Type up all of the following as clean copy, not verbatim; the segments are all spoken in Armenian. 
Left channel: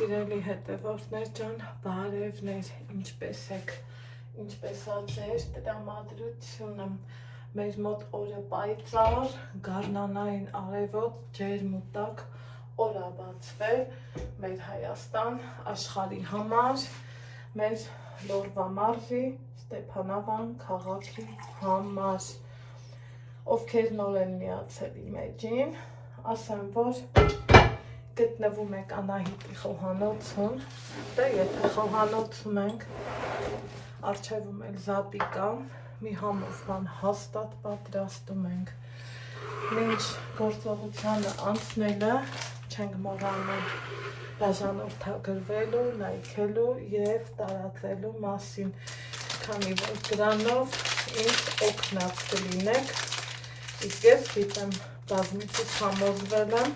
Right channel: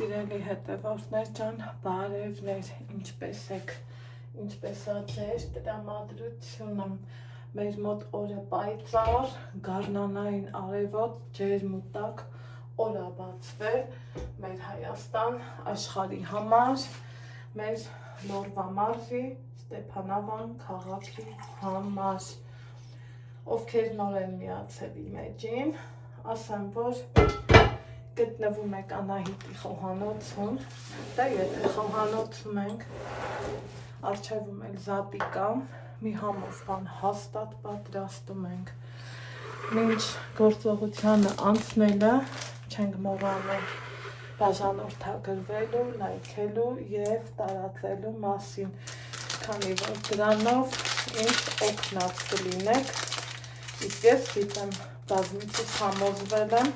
Սիրելի հետևորդներ ջան, բարևներ, ինչպես եք, ինչպես ա ձեր տրամադրությունը, մեր մոտ օրը պայծառ, գարնանային արևոտ, ջերմ ու տաք օր ա բացվել, մեր Հայաստան աշխարհի համար, մեր Լորվա մարզի, Ստեփանավան քաղաքի համար, ովքեր նոր են միացել իմ էջին, ասեմ, որ գտնվում եք Անահիտի խոհանոցում, դե եթե խոհանոցում ենք, առջևում էլ զատիկա, մի համով բան հաստատ պատրաստում ենք, մինչ գործողությանը անցնելը չենք մոռանում բաժանորդագրվելու, լայքելու և տարածելու մասին, քանի որ դրանով ինձ օգնած կլինեք, իսկ ես գիտեմ բազմիցս համոզվել եմ,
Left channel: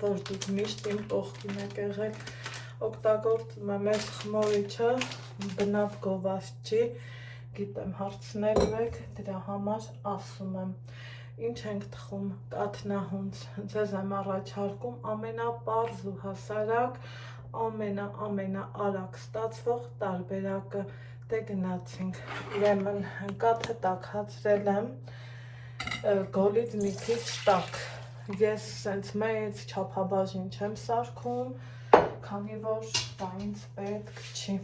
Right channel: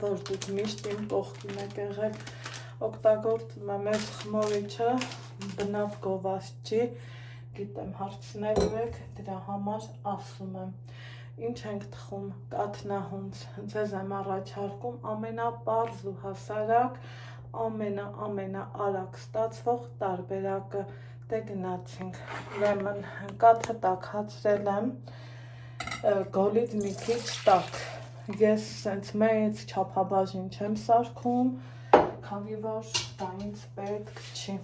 որ դուք միշտ իմ կողքին եք եղել, օգտագործում եմ այս խմորիչը, բնավ գովազդ չի, գիտեմ հարցնելու եք, դրա համար ասում եմ, ինչ ենք թխում կաթնահունց, ձեզ եմ առաջարկում ամենապարզ ու հասարակ, ամենաարագ ստացվող տարբերակը, դե գնացինք, ուրեմն կաթը տաքացրել եմ, գոլից մի քիչ տաք, ես սենց մեծ չափաբաժին չեմ սարքում, քանի որ դա ինձ պետք չի,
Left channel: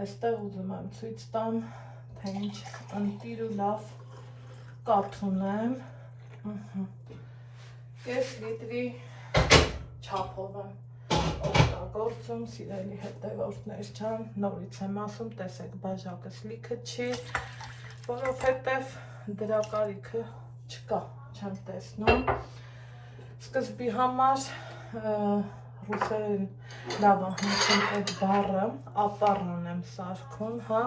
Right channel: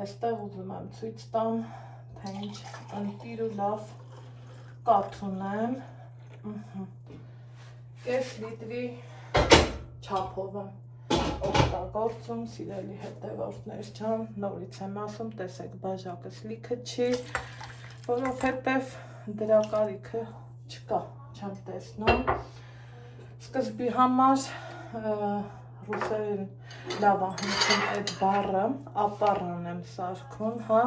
այստեղ ուզում եմ ցույց տամ, թե ինչ ընտիր ու լավ կաթ ունեմ, կես լիտրի չափով եմ օգտագործում, սիրելի հետևորդներ ջան, նորից եմ ասում, տեսեք բաժակս լիքը չի, որովհետև դրա կարիքը չկա, չեմ տեսնում, սկզբի համար ռուսերեն լավ ա հնչում այդ բառը, ապառան եմ սարքում, հա,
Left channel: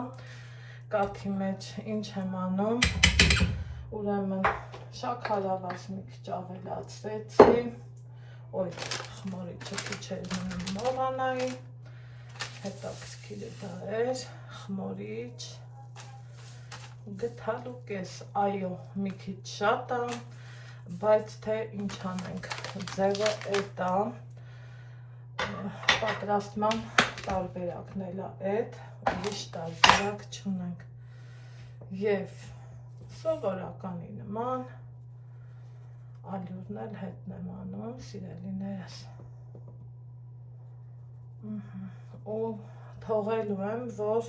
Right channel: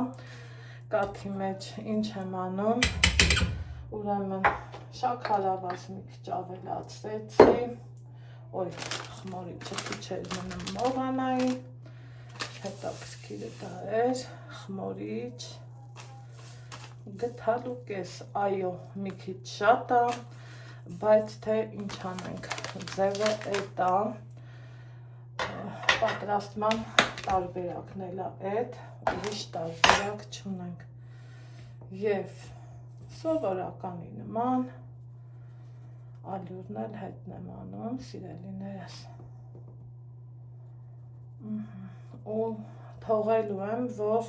կաթի մեջ ինչ եմ անում, ուրեմն շաքարավազ մի քիչ ավելացրեցի, օй, խմորիչը քիչ էր մնում մողանայի, հետաքրքիրը դա էր, խմորիչ, գթալու կես, այո, մի քիչ շատ ա, բայց թե ինչ անենք, ձևը էդ ա, պատրաստման տարբերակն էլ ա էդ, ուրիշ տարբերակ չունենք, և սովորականի նման, ալյուրն էլ հետն եմ անում, սիրելիներս, ու թողելու եմ, որ,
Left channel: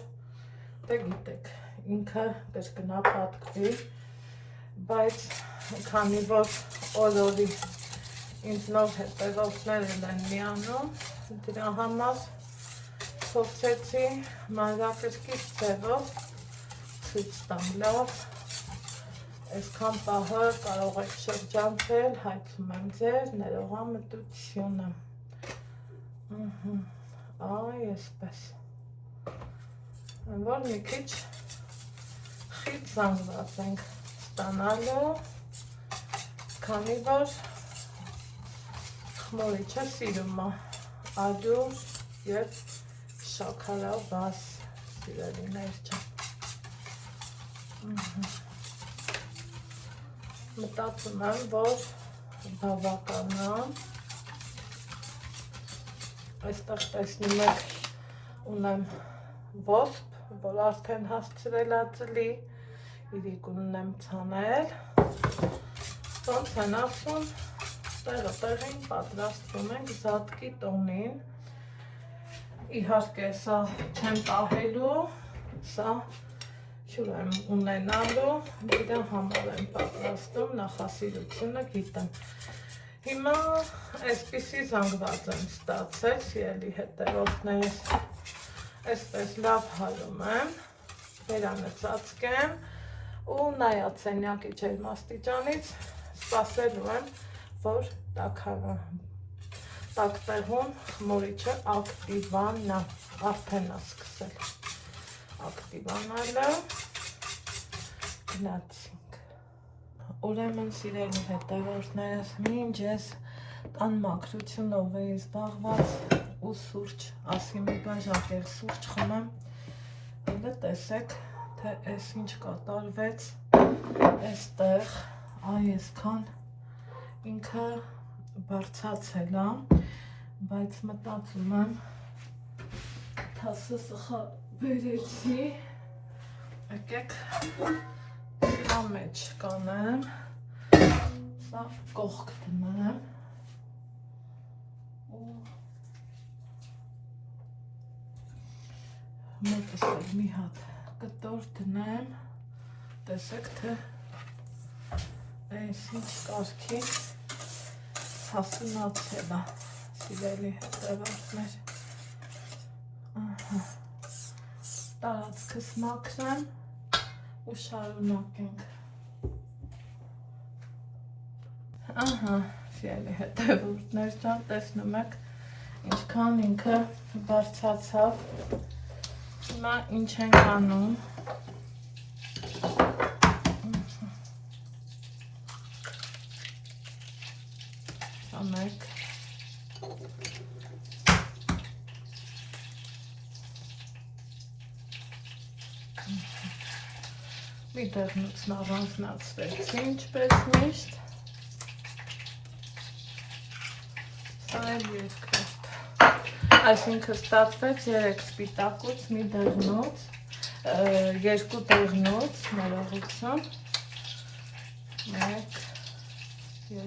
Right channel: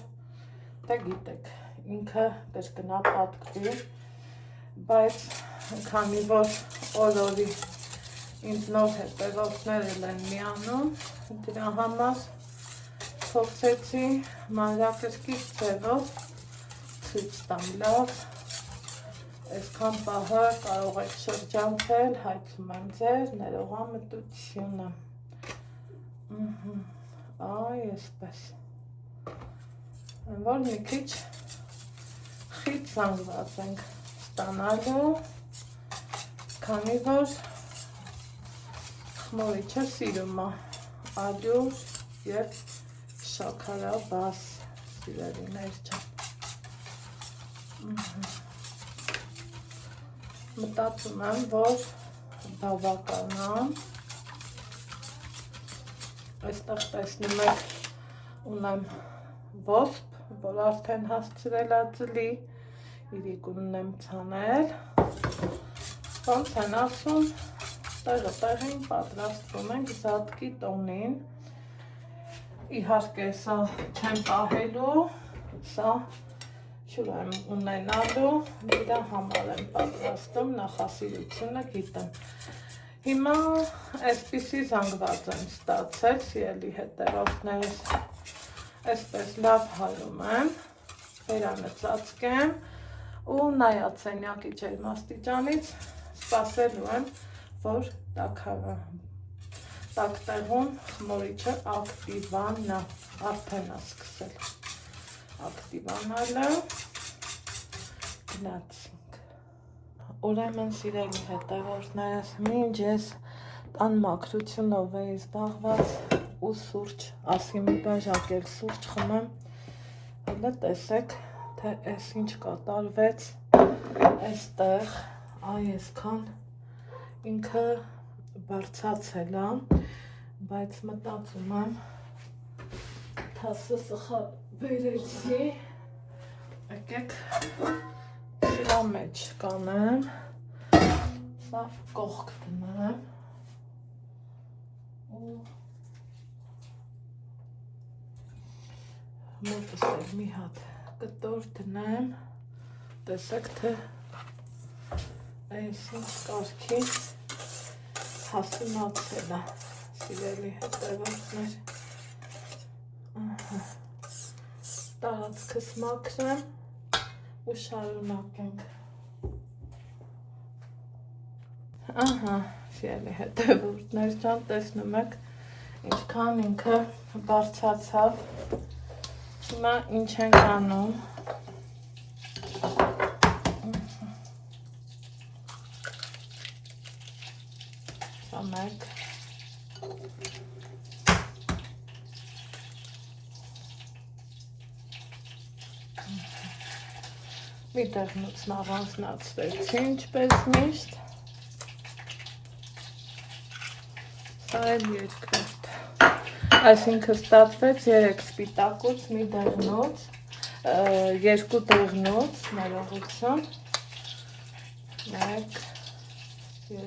դե գիտեք, ինքը կրկնա պատկվի, բայց քանի որ օրորի ինձ նոր հետևորդներ են միանում, դրա համար փորձեցի մանրակրկիտ ձևով ցույց տամ լավ, այսքան պահը կարող եք շրջանցել, հայցում եմ ձեր ներողամտությունը, այսպես, որ մի քիչ խիտ զանգված ենք ստանալու, քանի որ խմորիչը սիրում է ալյուր և շաքարավազ, սիրելիներ ջան, մտածում եմ, որ բավական է, այստեղ տեսնում եք, ունեմ ոսպ, որ արդեն հասցրել ա ծլի, իրիկունն եմ ցանել, ոնց են ասում, տեղը տեղին պատրաստվում ենք զատկի տոնին, իհարկե սա չեմ պահելու, սա շուր եմ ունենալու, դրա համար եմ պատրաստում, նախասիրությունը գիտեմ, հիմա այսպիսի զանգված եմ ստացել, սիրելի հետևորդներս, այսպես լավ հարում եմ, բերանը ծածկեմ, ու նայած սենյակի ջերմաստիճանից սպասելու եմ, որ տաք տեղում խմորիչը ակտիվանա, արդեն ա սկսել ակտիվանալը, գնացինք, ուրեմն սիրելի հետևորդներս, մինչ ես տան մաքրությունով էի զբաղված ու սուրճ, ասի մի բաժակ էլ սուրճ խմեմ, հələ տեսեք, թե այս ինչ կատարվեց այստեղ, այսքան ինքը բարձացել է, բայց մտածում եմ թասը սխալ բերեցի, եկեք սրա մեջ կանեմ, սա կողք դնեմ ու մոտս էլ մի հատ կտոր դնեմ, տեսեք թե այս ինչ կարգի հասունացել է, սիրելի հետևորդներ, տարածքս մաքրեմ ու շարունակենք, սիրելի հետևորդներ ջան, տեսնում եք, ինչքան ինքը բարձրացավ, հիմա ինչ ենք անում, մեկ մի տեղնուց առանձնացրեցի, ինչպես միշտ, սա էլ երկրորդ, այսինքն ստացվեց 3 սպիտակուց, մի դեղնուց, 2 դեղնուց, ներողություն, 1, 2,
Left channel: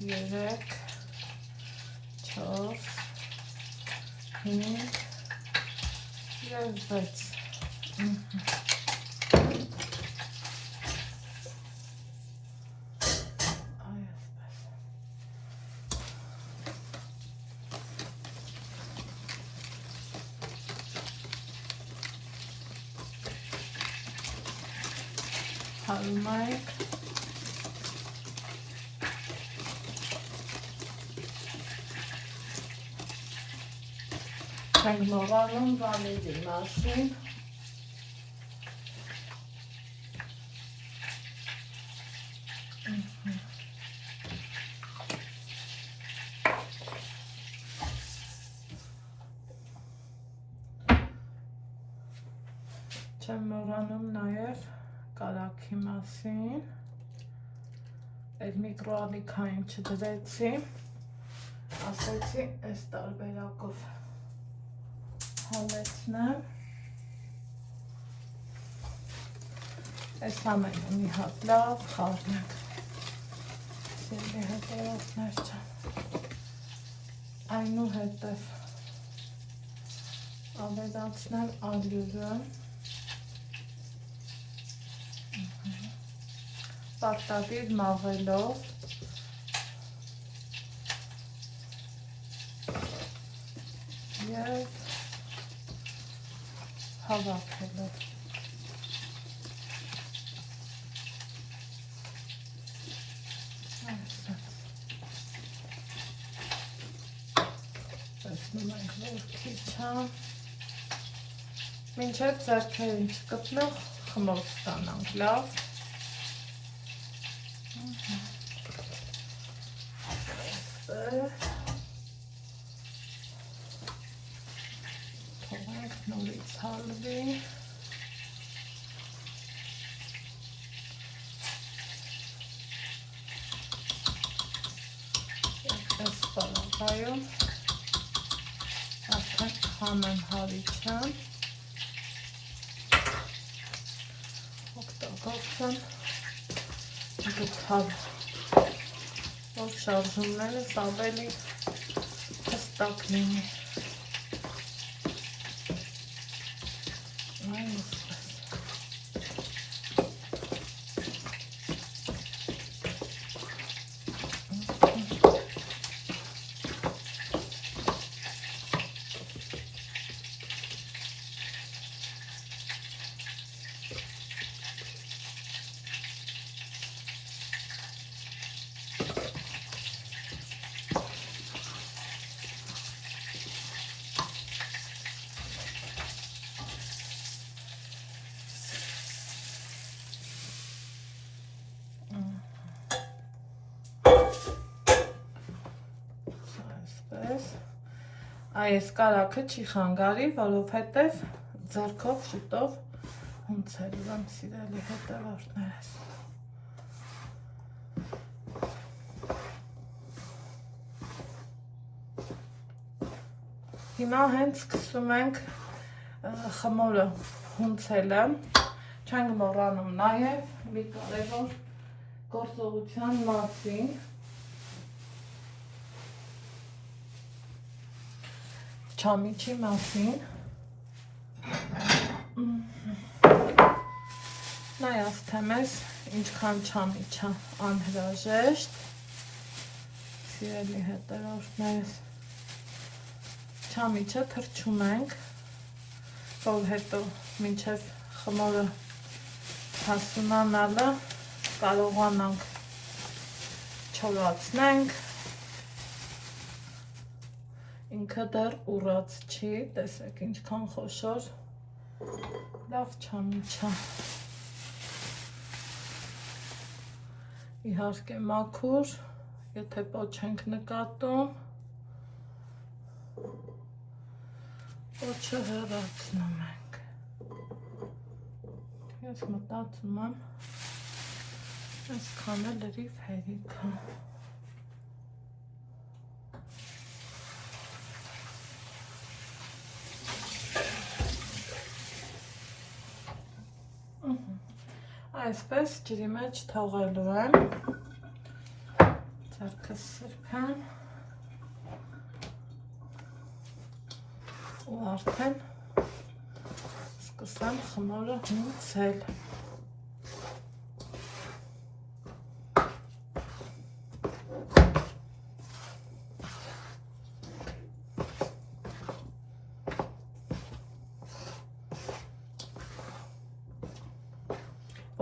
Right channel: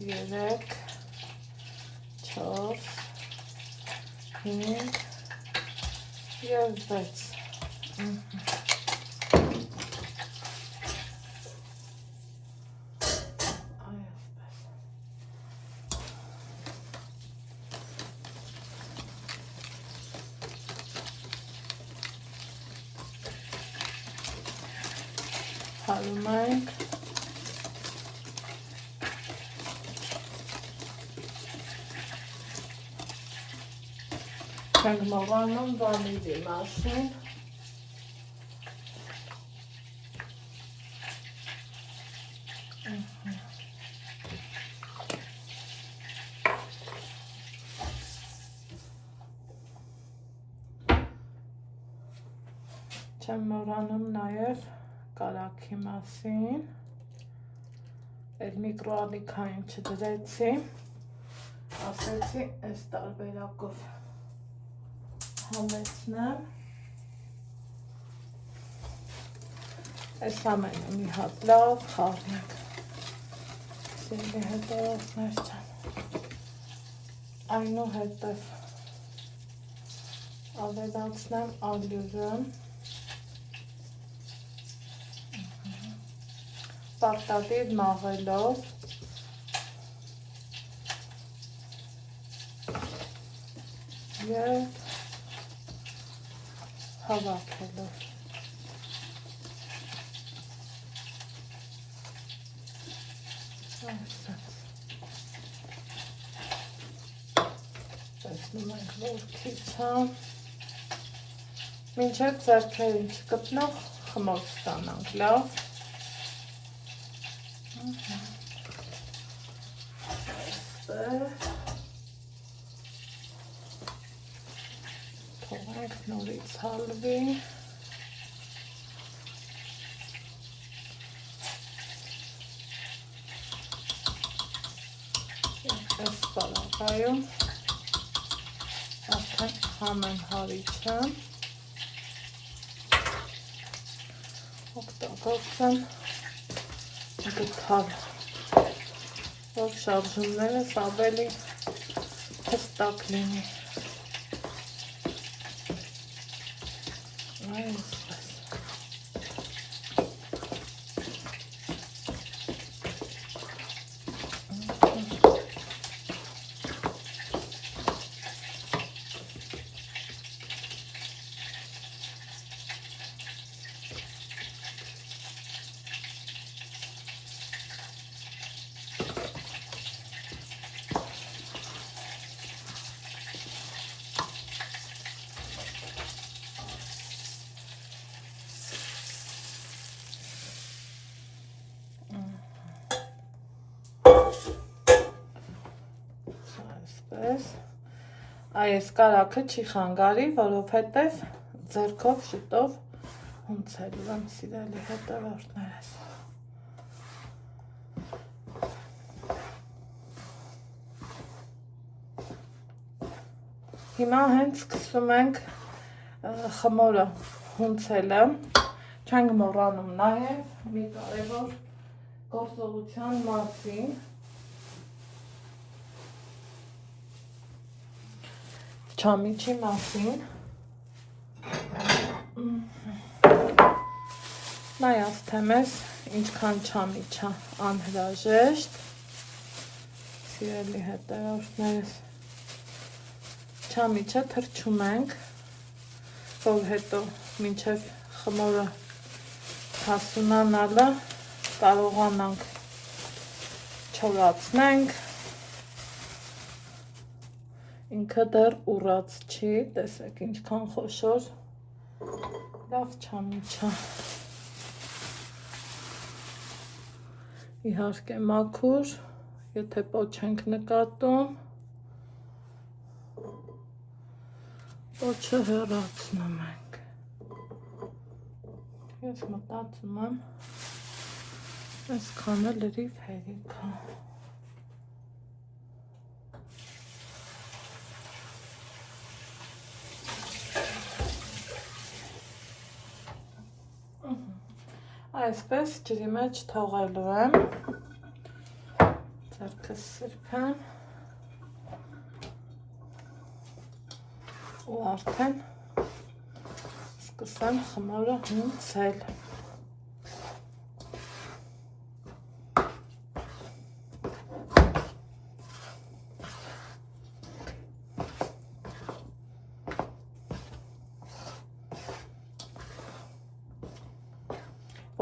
3, 4, 5 և 6 հալում ենք չենք մոռանում վանիլի մասին չեմ մոռանում նաև կարագի մասին, այդ միկրոալիքային չդրեցի, ասեցի այս տարբերակով հալեցնեմ, այս ամենը մի հատ լավ խառնենք, սիրելի հետևորդներ ջան, այնուհետև ավելացնեմ ալյուրը, պարտադիր մաղելով և հավաքելով։ Տեսնում ենք, որ քիչ է, մինչև ձեռքերին չկպնող խմորք ստանանք, լավ։ Թողանք նորից հալվի, այս պարագայում արդեն համեմ հարիչը, օգտագործեմ դուքալ, որ շարժումներս ավելի հստակ լինի։ Այս կարագը չի խանգարի, որովհետև ձեռքով շուտով հունցելու եմ, սիրելի հետևորդներս։ Հիմա հենց սկսում ենք խմորը հունցելը, չենք մոռանում նաև մի կարևոր գործողության մասին, չամիչի մասին, նայած թե մեզ ինչքան չամիչ է անհրաժեշտ, սիրելի հետևորդներս, չամիչը թրջում ենք, որ հետո մինչև խմորը հասունանալը կարողանանք չորացնենք, ինքը դեռ ուռած չի, տեսեք ինչքան խոշոր, լավ չամիչ է, իհարկե մաքուր, եթե պոչ ենք նկատում, պոչը հեռացնում ենք, ես մտածում եմ, այսքանը լրիվ հերիք է, այսպես ջրի մեջ թողելու եմ, ձեռքս սրբեմ, ու արդեն սկսեմ խմորը հունցել։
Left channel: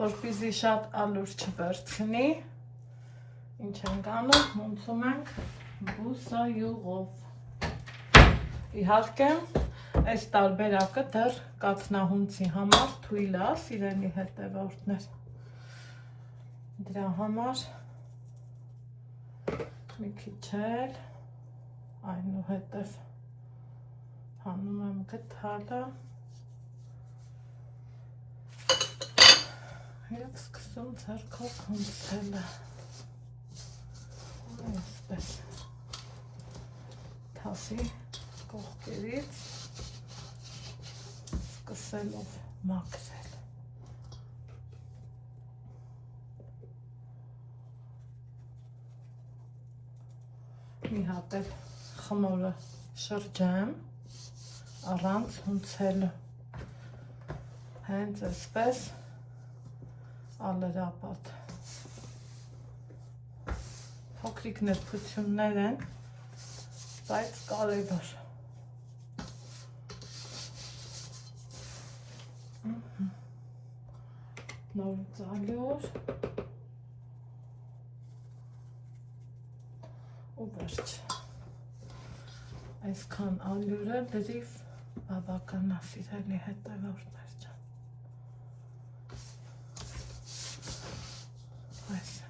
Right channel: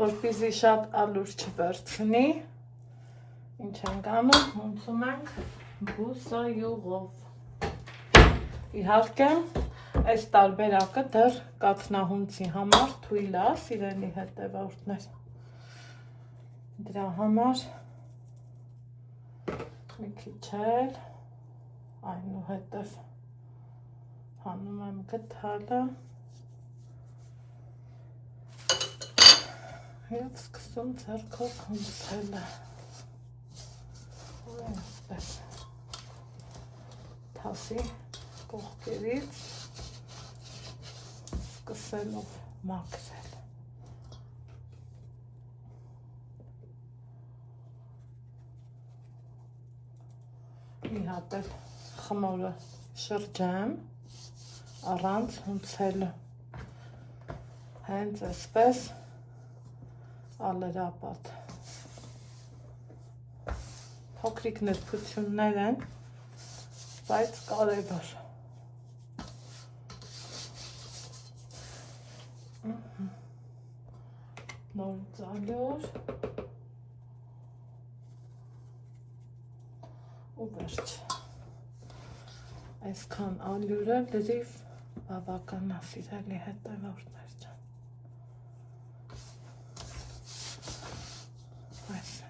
Որպեսզի շատ ալուր չվերցնի, ինչ ենք անում, հունցում ենք բուսայուղով։ Իհարկե, այս տարբերակը դեռ կաթնահունցի համար թույլ է, սիրելի հետևորդներ։ Դրա համար մի քիչ էլ այնուհետև հանում եմ գդալը և սկսում ձեռքով հունցելը։ Այսպես թասի կողքերից սկսելով մաքրել։ Մի հատ էլ խմորը շրջեմ առանց հունցելը։ Հենց այսպես ալերապատ։ Փոքրիկ նրբություններ են, բայց կարևոր։ Նորից ալյուր ու վերջ։ Այսքան ալյուրը լրիվ բավական է, սիրելի հետևորդներ ջան։ Այսպես։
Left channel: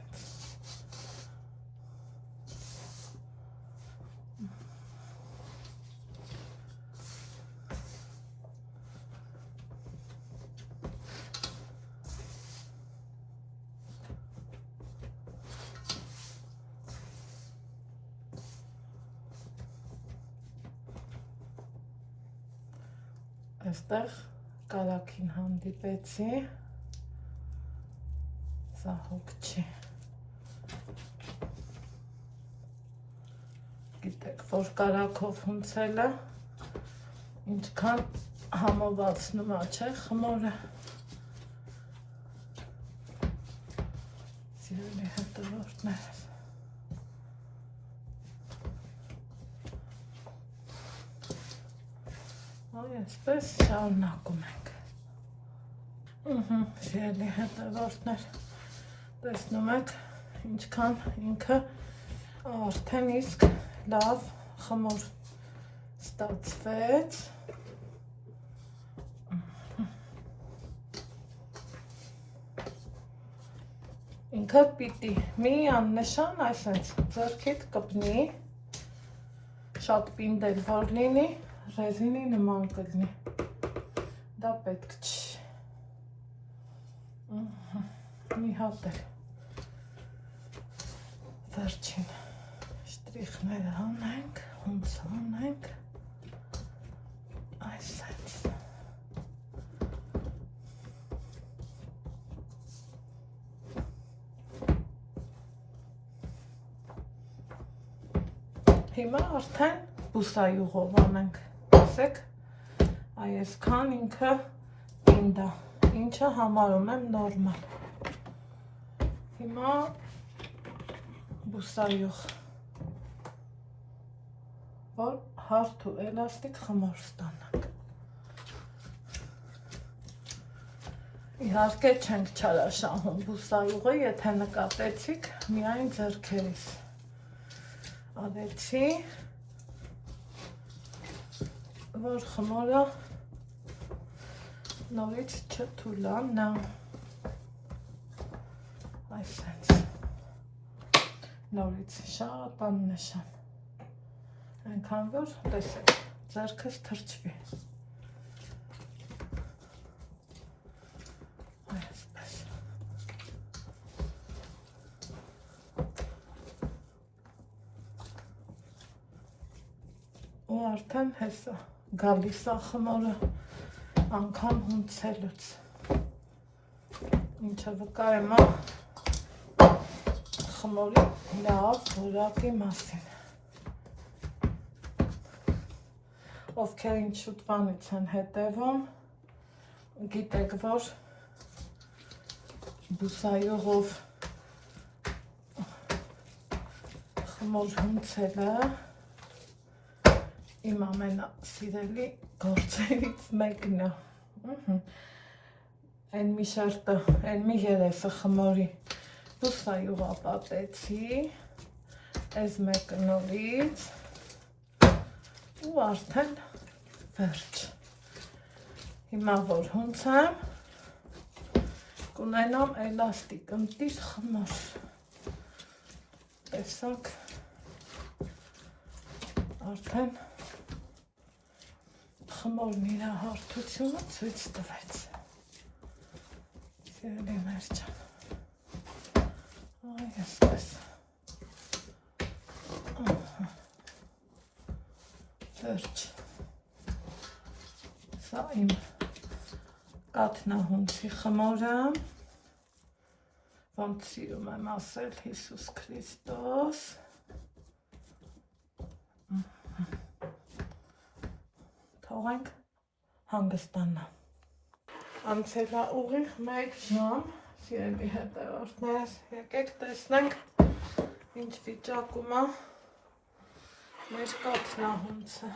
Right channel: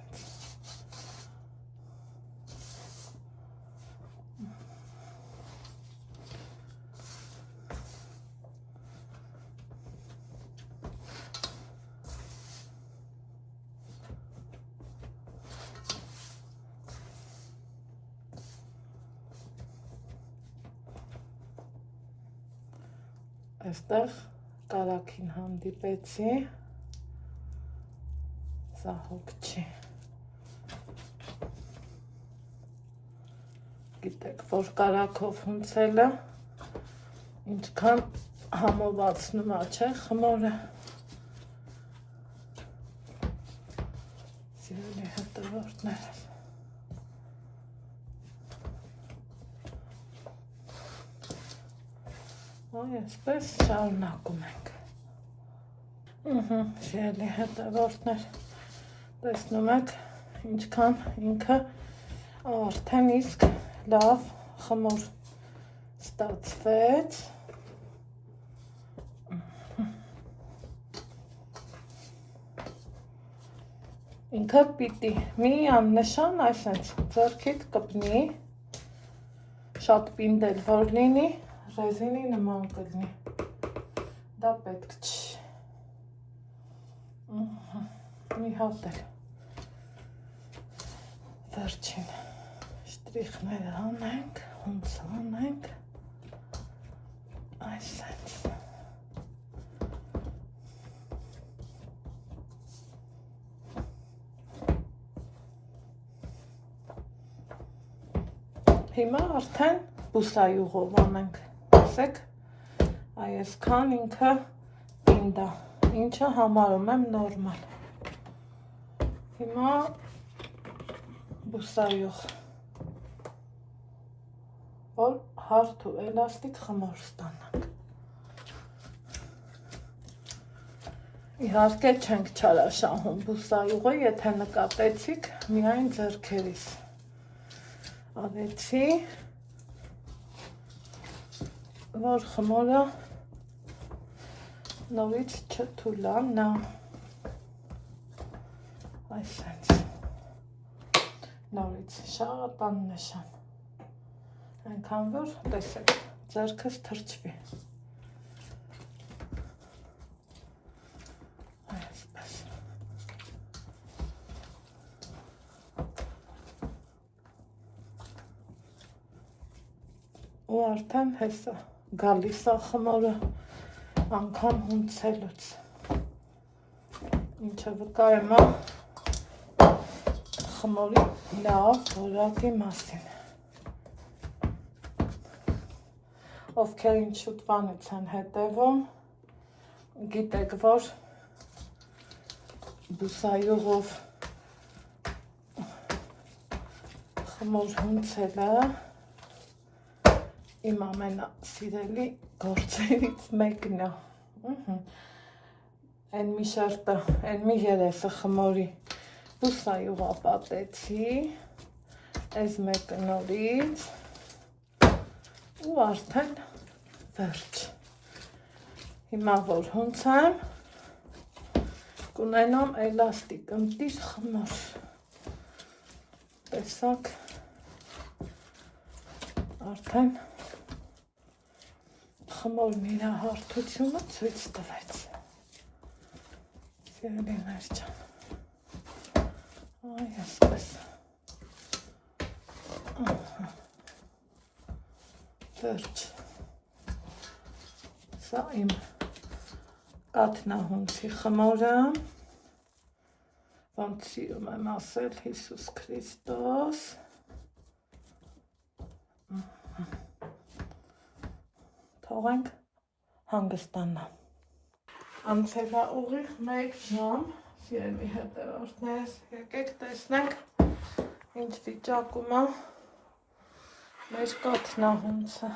Այստեղ կարագին հանդիպեցի, սա հոգ չի։ Գիտեք, որ կարագով հունցելը ինչքան համովածնում է, չէ, խմորը։ Սիրելի հետևորդներ։ Այսպես շարունակում ենք։ Սիրելի հետևորդներ, տեսնում եք ինչքան ինքը արդեն իսկ լավ խմոր ստացվեց։ Ինքը պիտի մի աննշան այսպես ձեռքիդ կպնի, շատ պինդել որ լինի, ռեզինի նման կլինի, դա պետք չի, մի հատ էլ վերջին շտրիխները հանենք, հունց հանենք, Հիմա արդեն բուսայուղով անենք, տեսեք, այսքան ինքը պինդ է, ինչը համարում եմ նորմալ։ Հիմա բուսայուղ, որ հարթ ու էլաստիկ խմոր ստանանք։ Իհարկե չենք չարաշահում բուսայուղը, եթե նկատեցիք, միայն ձեռքերիս արեցի, որ խմորը նորից չթուլանա, այսենց, նորից շատ աննշան, այնքան որ տեսեք, ձեռքս թրջվի։ Ու արդեն հեսա գալիս է խմորը անգամ հունցելուց, ինչը վկայում է խմորի լավ որակի մասին։ Ովքեր ինչ շուտվանից են հետևում, գիտեք, որ բուսայուղով խմոր հունցելը իմ ամենասիրելի գործերից մեկն է։ Այն մի շերտը, այն մի երեսը խմորի բուսայուղա պատեցի, այս մեկը նորից ու արդեն վերջ։ Հիմա որ հունցեմ, կունենամ էլաստիկ ընտիր խմոր։ Տեսակ, արդեն խմորն իր հարթությունը ցույց տվեց։ Սիրելիներ ջան։ Այ այսպես։ Վերջ։ Սա իմ կաթնահունցի խմորը, ոնց սիրում եմ ասել Հիսուս Քրիստոս։ Թողենք հանգստանա։ Անցել է ուղիղ 1 ժամ, սիրելի հետևորդներ, եկեք տեսնենք ինչ վիճակում է մեր կաթնահունցը։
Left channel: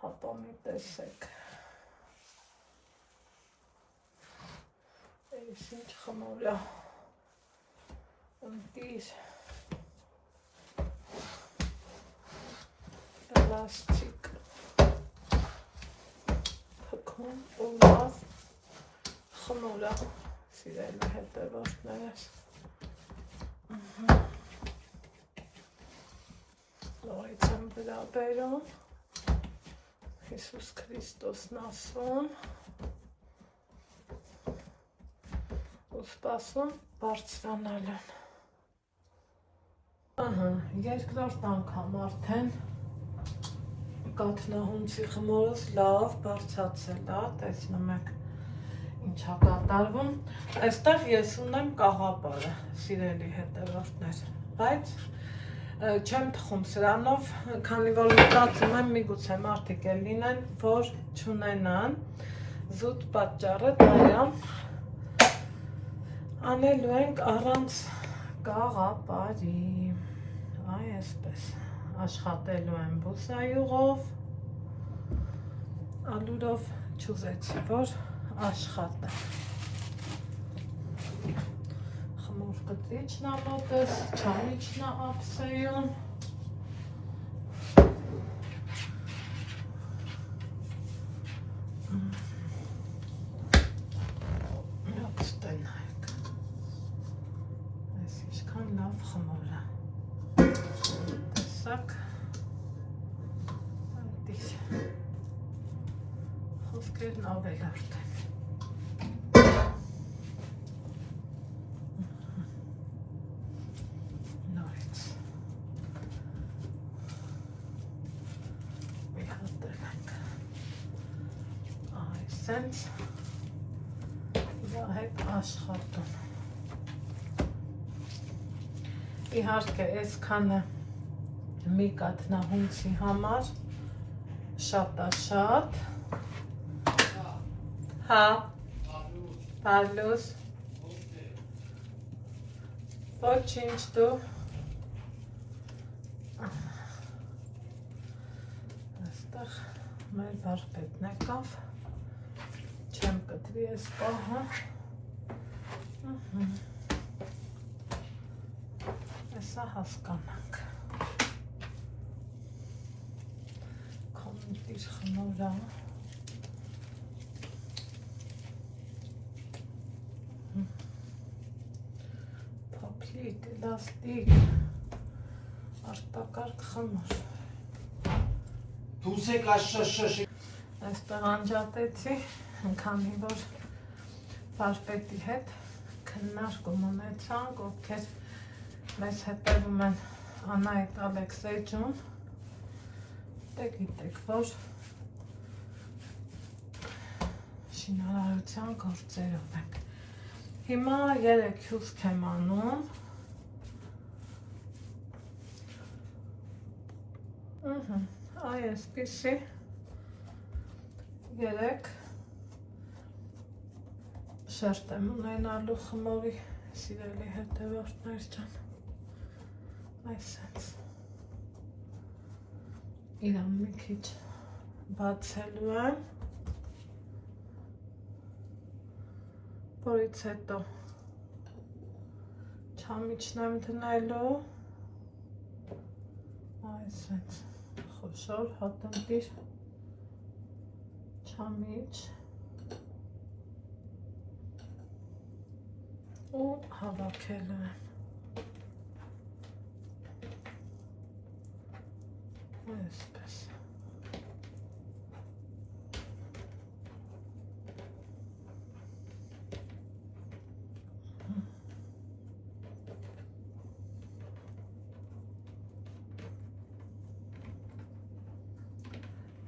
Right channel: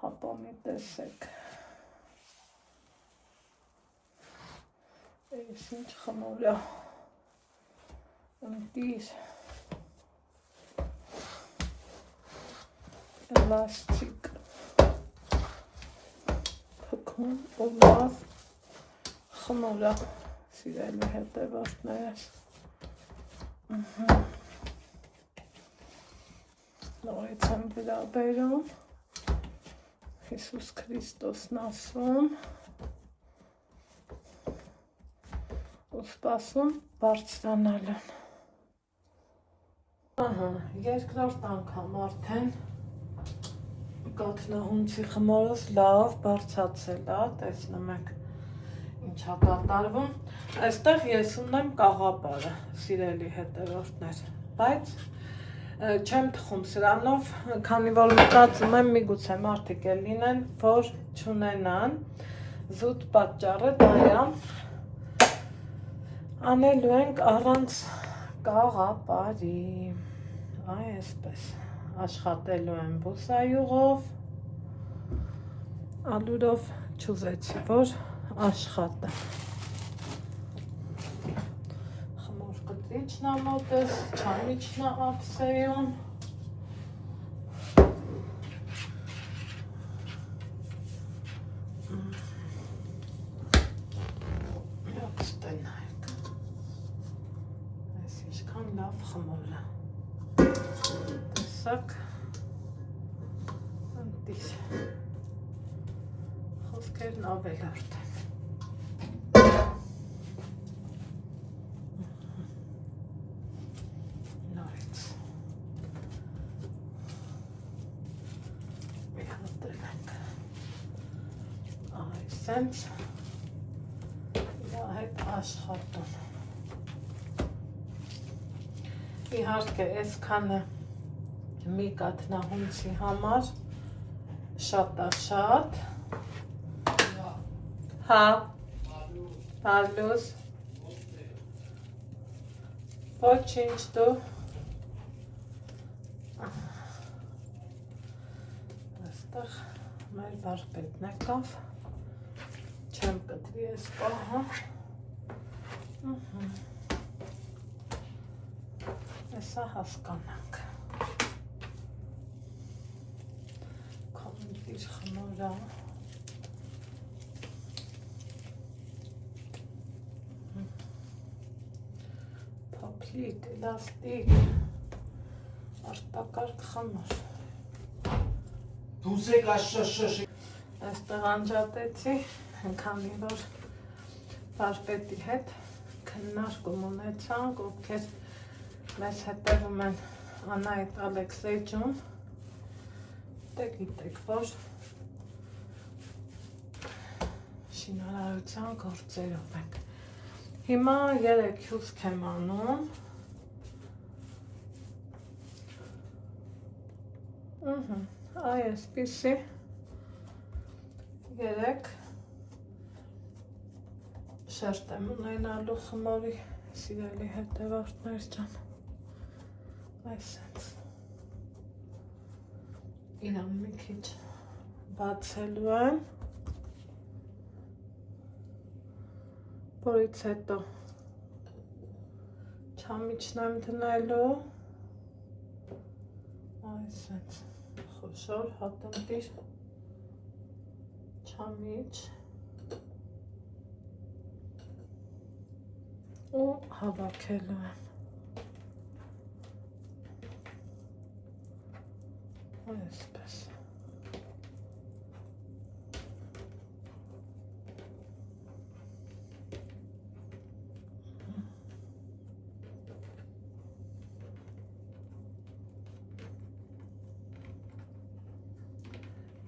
Հապա մի տեսեք։ Այս ինչ խմոր է։ Ընտիր։ Էլաստիկ։ Թքում ու լավ խմոր է, սիրելի հետևորդներ։ Նորից եմ վերաբերում, Հիսուս Քրիստոսն ասում ու սպասում բարձրանալուն։ Երկրորդ անգամ արդեն կաթնահունցի խմորս լավ բարձրացել է, տեսնում եք ինչա կատարվում։ Այստեղ ես ունեմ կաղապարը, սիրելի հետևորդներ, բայց չեմ թխում սրանով, քանի որ մտածում եմ միգուցե մարդիկ էլ լինեն, որ չունենան, զուտ պատճառը դա է, անելու ենք առանց կաղապարի, այ այսպես, աշխատելու եմ բուսայուղով, ալուրով չուզեցի, որ աշխատը։ Խմոր կտրիչն է մոտս, չայիչն է ափսեյում։ Այս ինչքան լավ խմոր է։ Տեսակ, ընտիր, խոսքերն ավելարդ են։ Նորից, հատել ենք, այսենց, իրա հետ աշխատում։ Իհարկե, այսքանը մի կաթնահունցի համար շատ հա Պարլուս ոչինչ դու այստեղ մեր վարպետն եկավ չեմ կտրի ես պահը Հեսա հասկանանք Կոմենտիր խնորա Փոփլիկ, լաստիկ Արտակարգ խմոր Դուսեք աշշշ Այստեղ անջատեցի քանի որ վարպետի հետ քննարկում ունեցանք ովքեր մեզ հետևում են Անահիտ Ալեքսեյջուն դե գիտեք որ շինարարության գործերով ենք հիմա 3 հյուսք եմ անում այսպիսի 3 շերտ եմ ունենալու խմորի սիրելի հետևորդներ ջան այսպես իրան մի քիչ բացելու եմ որից հետո չամիչն եմ դնելու այսպես խոշոր հատմտիր չամիչ ու հավաքելու եմ այսպես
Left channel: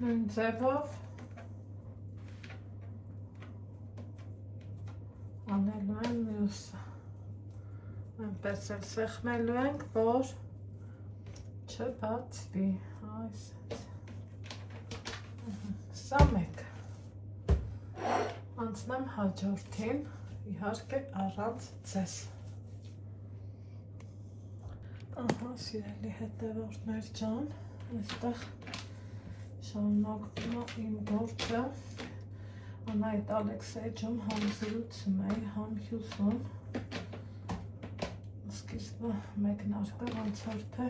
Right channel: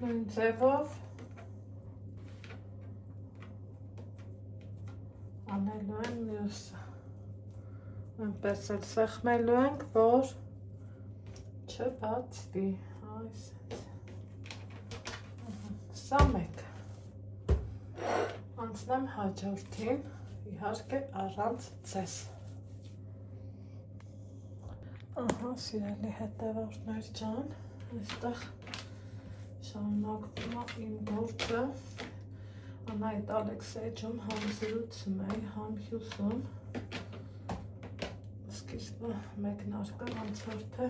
նույն ձևով անելու եմ մյուսը այնպես էլ սեղմելու ենք, որ չբացվի սա մեկ անցնեմ հաջորդին իհարկե առանց ձեզ ահա սիրելի հետևորդներ ջան այստեղ շարունակվում է իմ գործը Անահիտ Ալեքսեյջում համ զրուցում էի, համ հյուսում սկիզբը մեկնարկը անցորդ է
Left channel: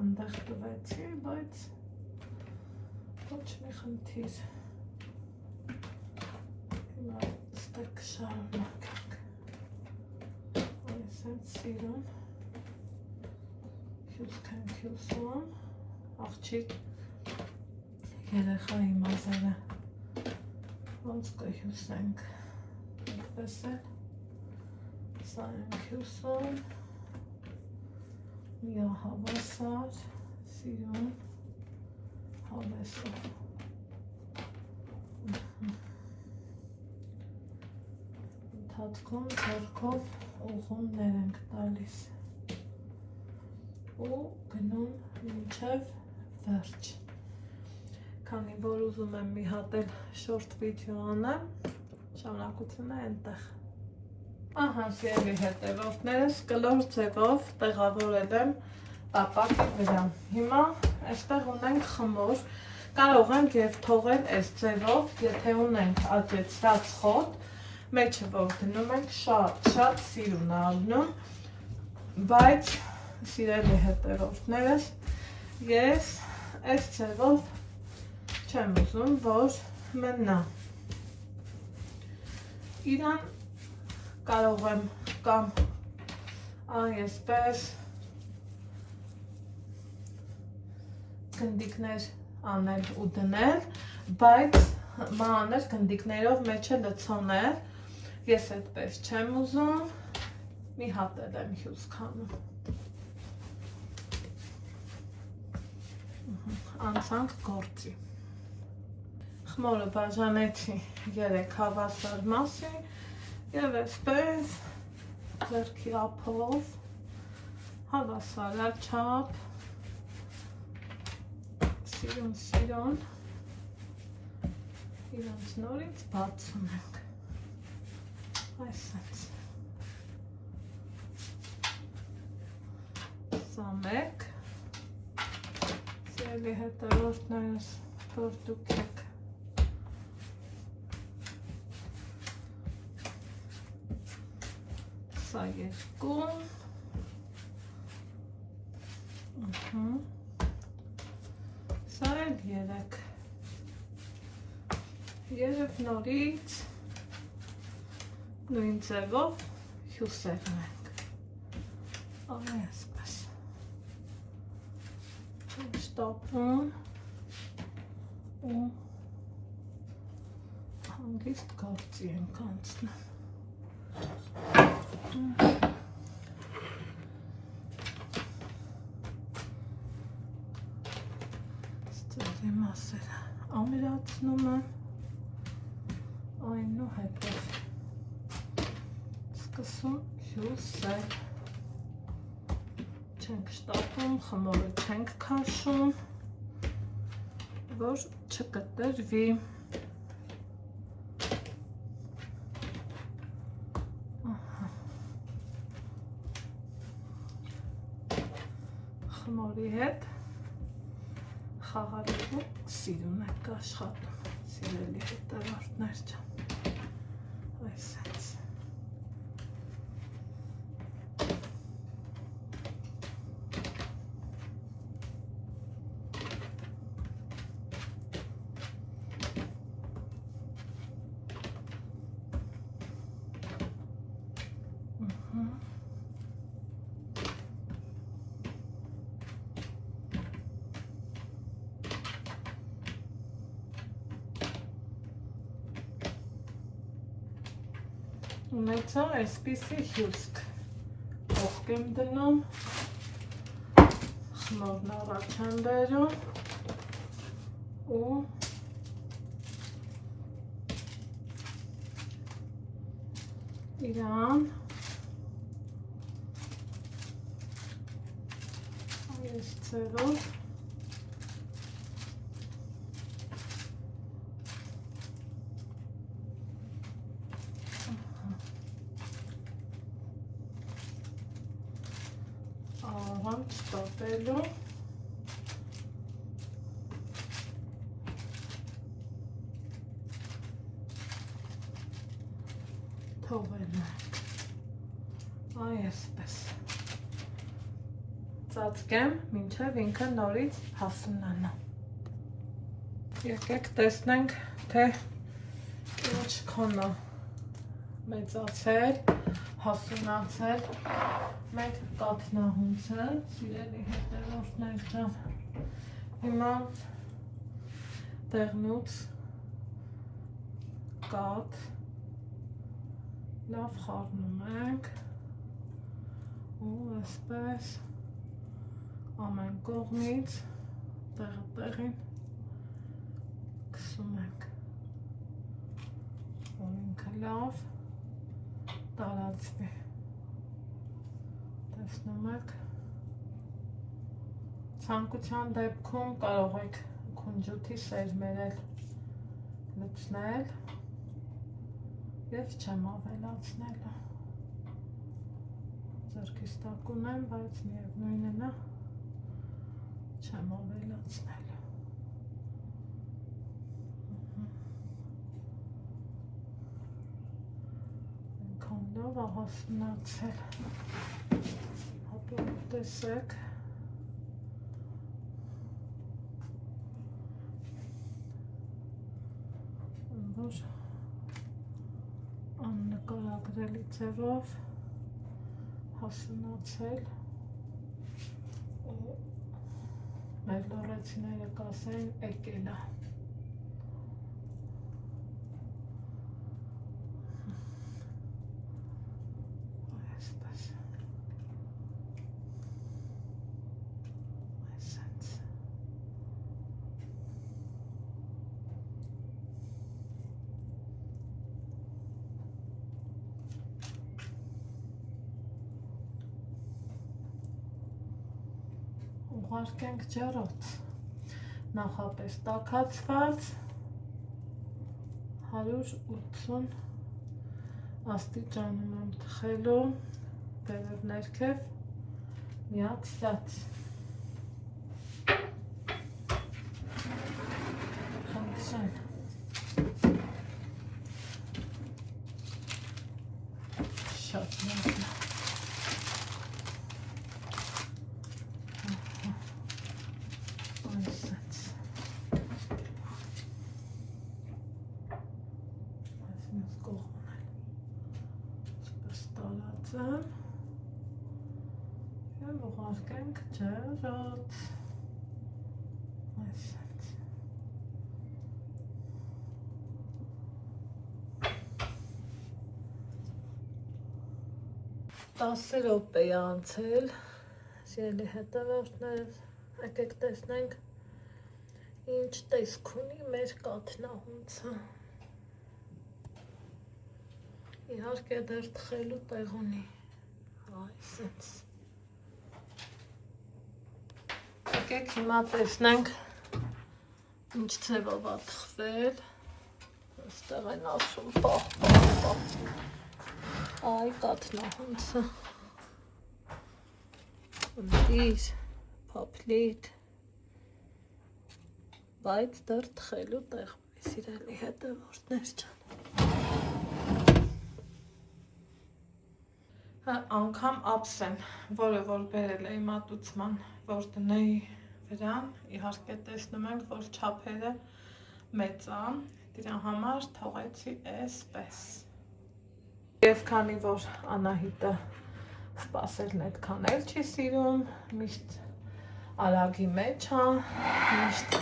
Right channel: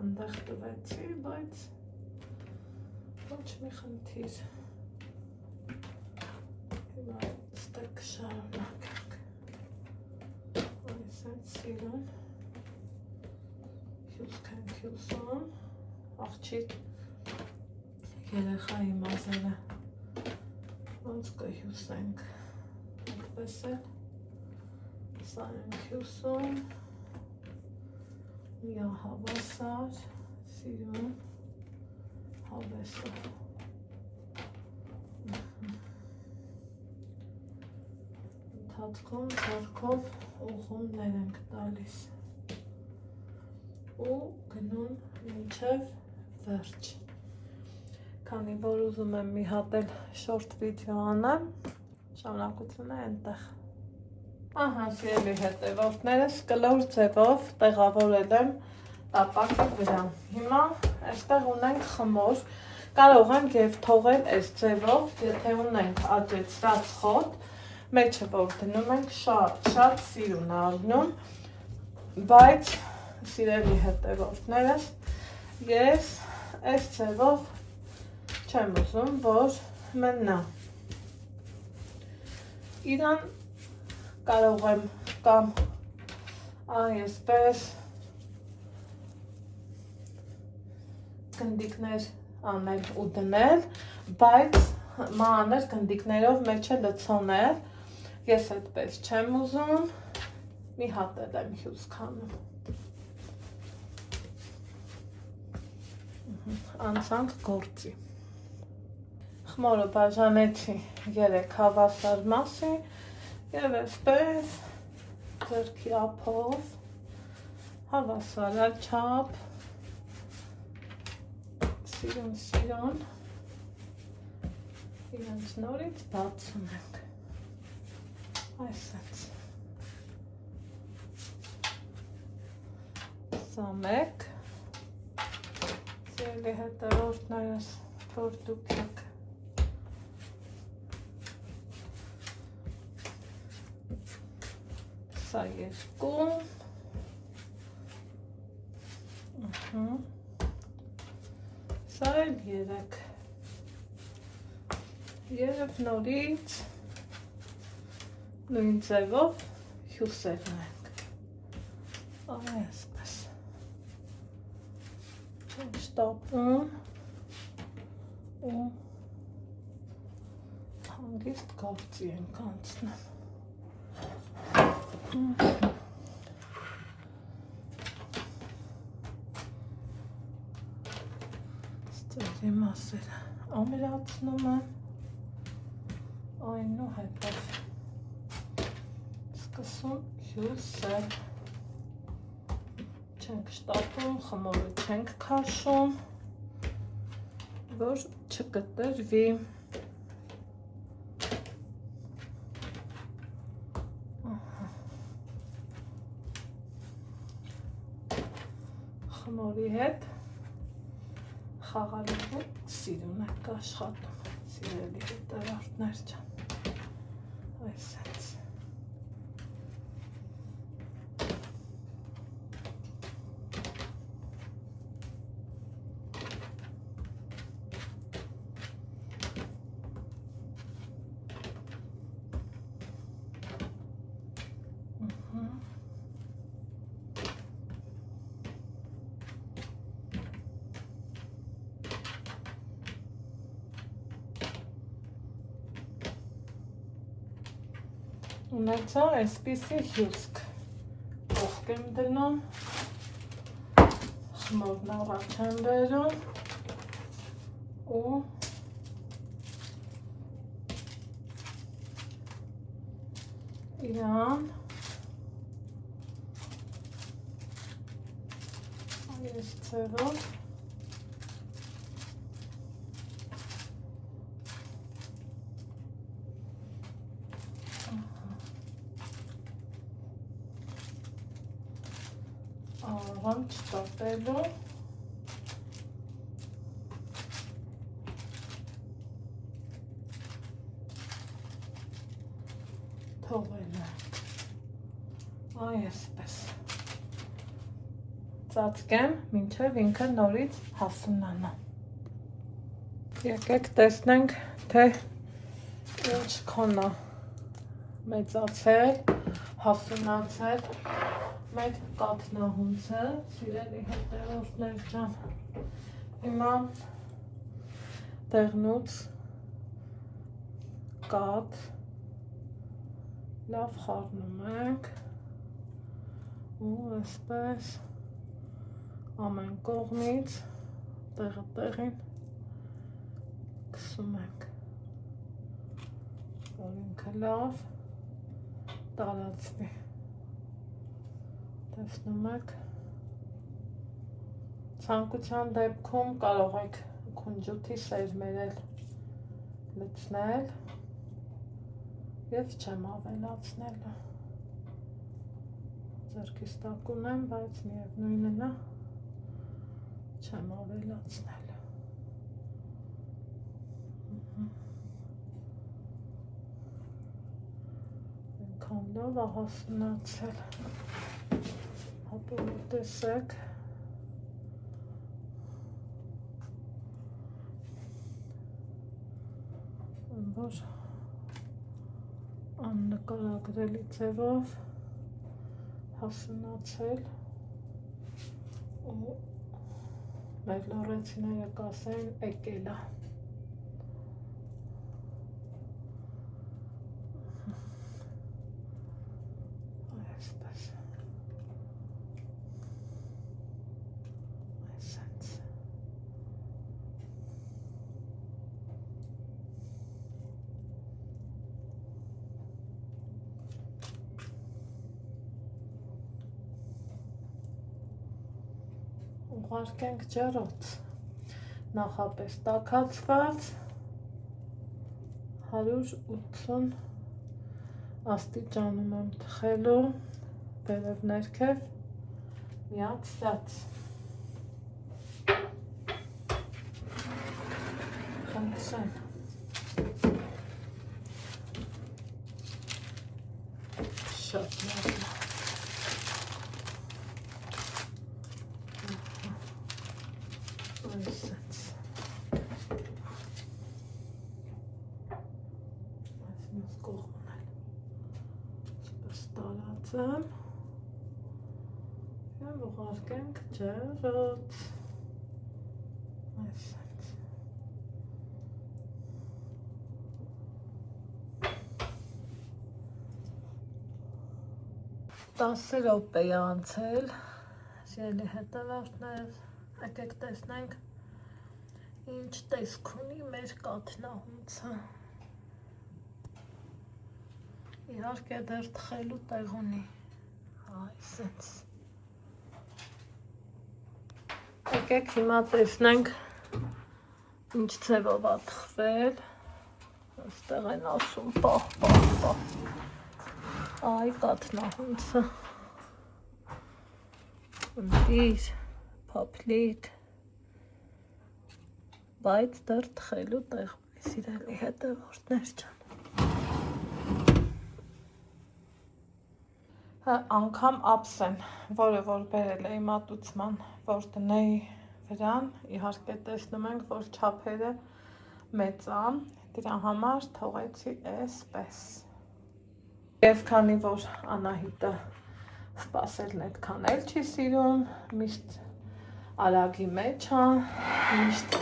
ընդեղ տվեցի, բայց ոչ մի խնդիր հիմա ստեք շարունակենք այսենց սիրում հյուսք ենք հյուսում աղջիկ երեխայի մազերը ոնց կհյուսենք այդպես էլ սա ենք հյուսում միահավասար սիրում հավեսը ընթացքում ձեռքով ուղումներ ենք տալիս ու գնում մինչև վերջ քանի որ ուզում եմ մի հատ էլ շորտ վիդեո անեմ շարունակությունը այնտեղ ահա սիրելի հետևորդներս կլոր ձևով տեղավորել եմ տապակի վրա հիմա այստեղ ունենք խմոր կարող ենք եւ թողել այս ձևով եթե ունենք աճեցրած խոտ մեջը որ դնում ենք շատ սիրուն առնում բայց սիրելի հետևորդներս ես այս ձևով չեմ ուզում որ մնա իրան կարող եմ կամ այսպես գնդիկներ անել ու դնել, բայց մանր գնդիկներով մեջը լցոնել, ես այդպես չեմ ուզում, մի հատ էլ եմ հյուսք անում։ Անցանք գործի։ Խմորը բաժանեցի 3 հավասար մասի և այսպես ձեռքի ափով հավասարաչափ Սիրուն իրենց նորից բացում ենք այսպես սա մեկ սիրելի հետևորդներս որ դուք եք սա երկու սա էլ երեք երբ նորից նույն ձևով հյուսերն ենք այսպես շտապում ու հանգիստ գործի ենք անցնում ստերի մասերը ամրացնում եմ այնուհետև սկսում հյուսել չենք շտապում, խմորը չենք քաշում, որ չկտրվի խմորի հետ խաղալու սիրուն եք աշխատում սիրելի հետևորդներ ջան այսպես ունեցա այսպիսի հյուսք ողք եմ դնում խմորն առաջ եմ բերում ու իրան այս ձևով առանց շտապելու թողել այսպես ծածկեմ մինչև ինքը նորից հասունանա եկեք տեսնենք թե ինչքան է մեծացել հասունացել մեր կաթնահունցը սիրելի հետևորդներ ջան հիմա տեղնուց կաթ լավ խառնում ենք ու այսպես ամեն կողմից տեղը տեղին քսում ենք որ ինքը լավ տարածվի տեսնում եք ցանկության դեպքում կարող եք քունջութի սերմերել լցնել և չեմ ավելացնել ձեռքից տակուն եմ բայց միևնույնն է չեմ ավելացնել այնքան լավ է հասունացել հատուկ տեսեք որ աննկարագրելի ձևով հասունացել ու մեր լոռեցիները կասեն եկել է ուղարկենք ջեռոց նախապես տաքացված 180 աստիճանում եմ թխելու վերև ներքև միացած խնդրեմ շատ լավ Եմ ուղարկենք ջրոց այսպես 10 րոպե է անցել սիրելի հետևորդներ եկեք տեսնենք ինչ տեսք ունի մեր կաթնահունցը իհարկե դեռ թխելու տեղ ունի այսպես եկեք հիմա տեսնենք ինչ ձևով է թխվել այստեղ են ասում պահ այ կաթնահունցը ընտիր փափլիկ բայց դեռ թխելու տեղ ունի սիրելի հետևորդներ ջան անգամ ափսեն, որը որ բերել էի մատուցման, որ դնեի վրան, իհարկե տեսնում ենք, որ չափերը մեծ է, դրա համար թողեցի էսպես։ Եվ քանի որ Անահիտը սպասելն այդքան էլ չի սիրում, միշտ արագի մեջ է, միշտ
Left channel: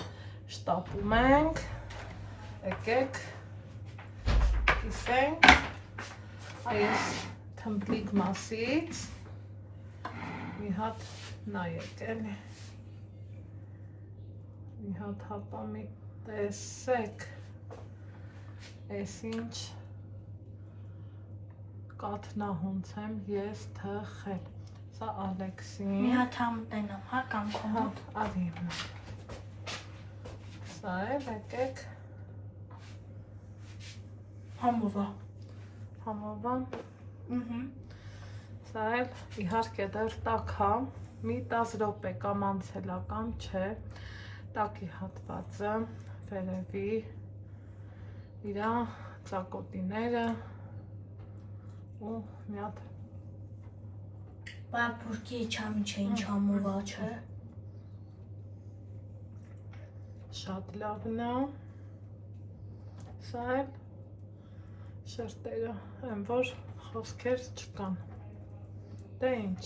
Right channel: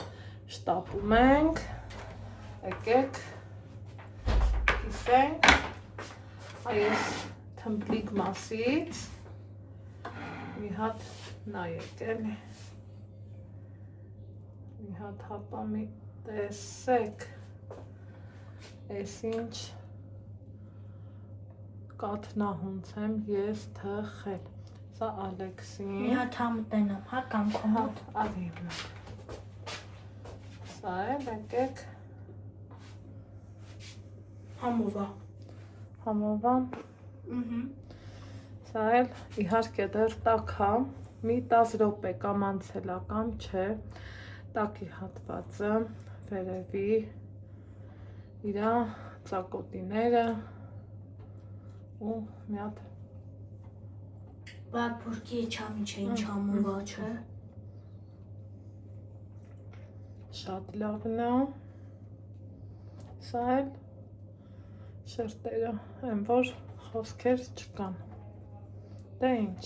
շտապում ենք, եկեք կիսենք այս թմբլիկ մասից մի հատ նայեք էլի մի հատ հապամի տեսեք ես ինչ կաթնահունց եմ ես թխել սա Ալեքսին մի հատ համտենամ հա կամ քոհատ ադմիրնա սա էլ եկեք համովա Սա էլ իհարկե դեռ տաք է, մի 10 րոպե կամ անցել է կամ չէ, տակի հատվածը, վերևի, իրա ծակոտիները ու մի հատ Բայց բուրկի չամ ինչ համովա չէ Շատ լավն է, սա էլ շերտերը են, որ խոսքեր չկան Դե ինչ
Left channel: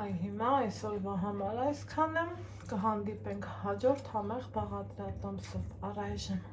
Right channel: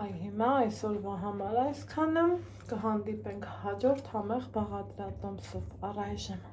Այ հիմա այսօրվա համար այսքանը կհանդիպենք հաջորդ համեղ բաղադրատոմսով առայժմ